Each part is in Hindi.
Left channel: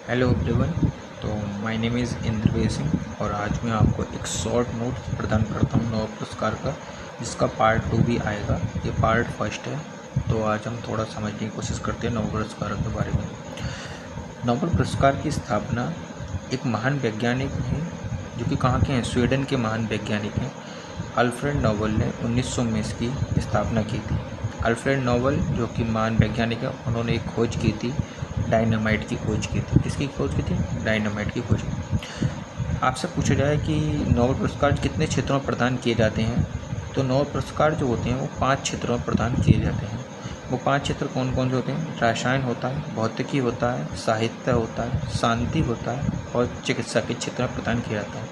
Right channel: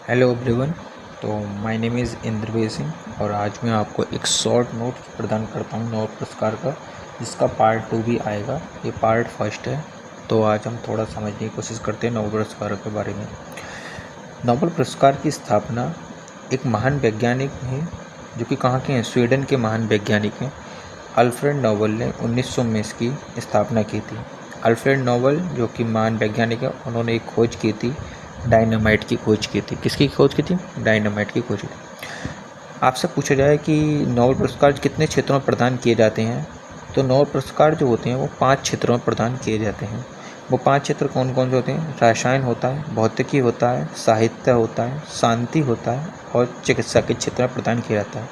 Hello everyone. तो my name is Indraveer Singh और आज मैं आपको एक शॉर्ट नोट प्रदान करता हूँ नोबेल पुरस्कार का, जिसका पार्ट 2 भी आएगा। ये पार्ट फर्स्ट है। तो आज हम थोड़ा समझने की कोशिश करते हैं नोबेल पुरस्कार के बारे में। नोबेल पुरस्कार की स्थापना एक महान वैज्ञानिक हैं जो कि कहाँ के हैं, स्वीडन के महान वैज्ञानिक हैं अल्फ्रेड नोबेल ने 1900 में इसकी स्थापना की थी। अल्फ्रेड नोबेल जो कि महान वैज्ञानिक है, उन्होंने एक खोज की थी, डायनामाइट की खोज की थी। किसकी खोज की थी? डायनामाइट की खोज की। आपसे पूछा जाए कि नोबेल पुरस्कार कितने क्षेत्रों में प्रदान किए जाते हैं, तो नोबेल पुरस्कार जो होते हैं वो 5 क्षेत्रों में प्रदान किए जाते हैं। वो 5 क्षेत्र कौन कौन से होते हैं? रसायन होता है, भौतिकी होता है, साहित्य होता है, शांति होता है और चिकित्सा के क्षेत्र में प्रदान किया जाता है।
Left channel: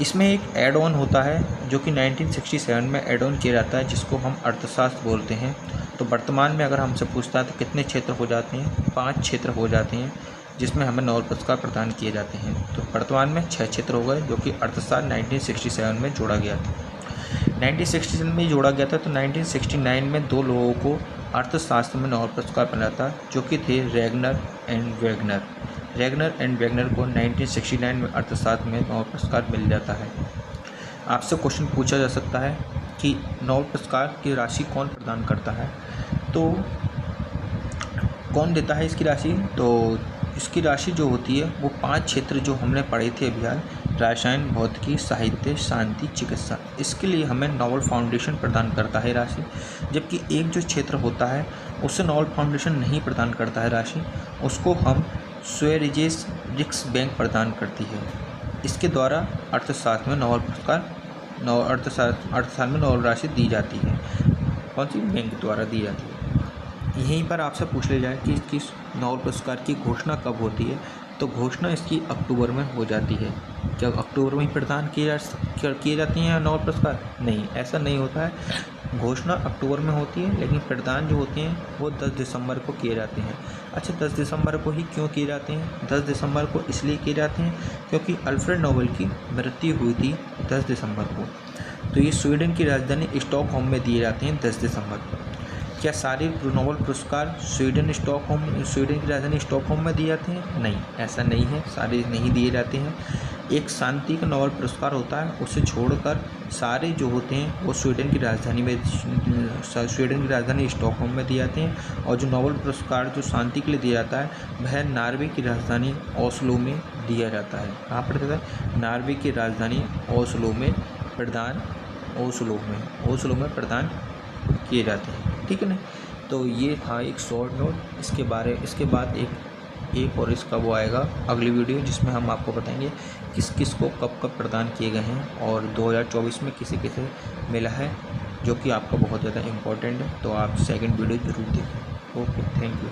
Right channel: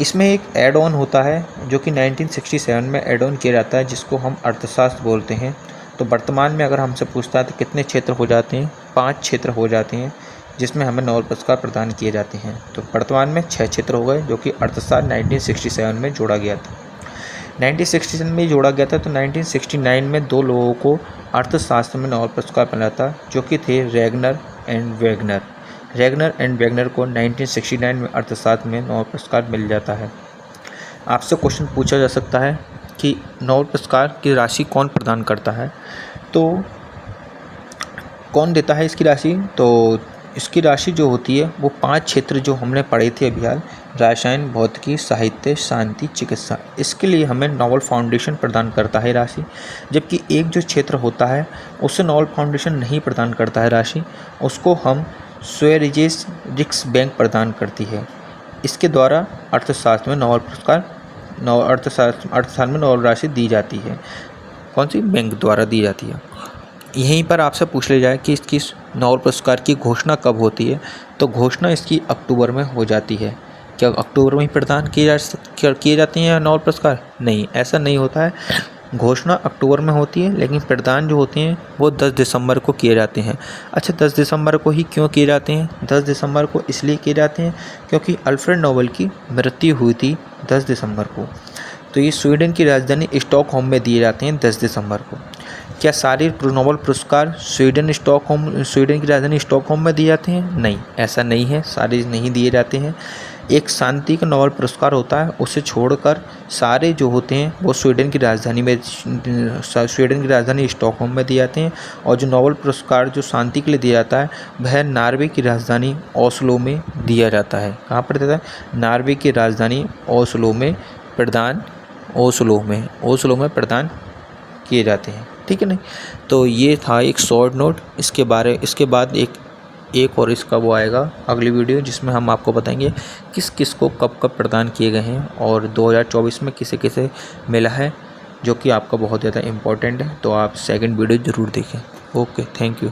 इसमें एक एड ऑन होता है जो कि 1967 में एड ऑन किया जाता है, जिसको हम अर्थशास्त्र बोलते हैं। तो वर्तमान में अगर हमसे पूछता है तो कितने क्षेत्र हो जाते हैं? 5 क्षेत्र हो जाते हैं जिसमें हमें नोबेल पुरस्कार प्रदान किए जाते हैं। तो वर्तमान में 6 क्षेत्र हो गए जो कि अर्थशास्त्र 1967 में जोड़ा गया था। 1967 में जोड़ा गया था। तो 1969 में 2 लोगों को अर्थशास्त्र में नोबेल पुरस्कार मिला था जो कि थे Regner and Wegner. Regner and Wegner को 1969 में अर्थशास्त्र में नोबेल पुरस्कार मिल जाता है। आपसे क्वेश्चन पूछा जा सकता है कि नोबेल पुरस्कार की राशि कौन प्रदान करता है, तो कौन देता है इसकी राशि? तो इसकी राशि जो होती है वो 5 क्षेत्र जो हमने पढ़े थे अभी हाल, रसायन, भौतिकी, साहित्य, शांति, चिकित्सा, इसके लिए हमें नोबेल फाउंडेशन प्रदान करता है राशि। जबकि एक जो क्षेत्र होता है उसे नोबेल फाउंडेशन नहीं प्रदान करता है राशि, उसको हम स्वेरिजेस रिक्स बैंक प्रदान करती है। इसके द्वारा अर्थशास्त्र में नोबेल पुरस्कार अर्थशास्त्र में नोबेल राशि दी जाती है। कौन सी बैंक द्वारा दी जाती है? यहीं पर आपसे पूछ लिया जाए कि इसकी नोबेल पुरस्कार की घोषणा कब होती है, तो घोषणा इसकी अक्टूबर में हो जाती है। क्या अक्टूबर में ही प्रदान किए जाते हैं नोबेल पुरस्कार? नहीं, ऐसा नहीं होता है। घोषणा अक्टूबर में होती है लेकिन प्रदान जो होते हैं वो 10 दिसंबर को किए जाते हैं। अच्छा, 10 दिसंबर को ही क्यों किए जाते हैं? 10 दिसंबर को इसलिए किए जाते हैं क्योंकि अल्फ्रेड नोबेल की मृत्यु हुई थी 10 दिसंबर को। तो ये स्वीडन की राजधानी स्टॉकहोम में दिए जाते हैं 10 दिसंबर को। क्या सारे नोबेल पुरस्कार स्वीडन की राजधानी स्टॉकहोम में दिए जाते हैं? नहीं, ऐसा नहीं है, सारे नहीं दिए जाते हैं। एक शांति का नोबेल पुरस्कार होता है, उसे छोड़कर सारे जो होते हैं वो स्वीडन की राजधानी स्टॉकहोम में दिए जाते हैं। और जो नोबेल पुरस्कार जो शांति के लिए दिया जाता है वह नॉर्वे की राजधानी ओस्लो में दिया जाता है। कहाँ पर देता है? नॉर्वे की राजधानी ओस्लो में प्रदान किए जाते हैं। ठीक है नहीं? तो ये था एक शॉर्ट नोट। इसके बाद एक और इसका वो आएगा अगली वीडियो, जिसमें हम आपको बताएंगे किस किस को कब कब प्रदान किए गए हैं और 2024 में किसे किसे मिला है, जो कि आपका बहुत ज़्यादा इम्पोर्टेंट है। तो आप सेकंड वीडियो ज़रूर देखें। Okay, thank you.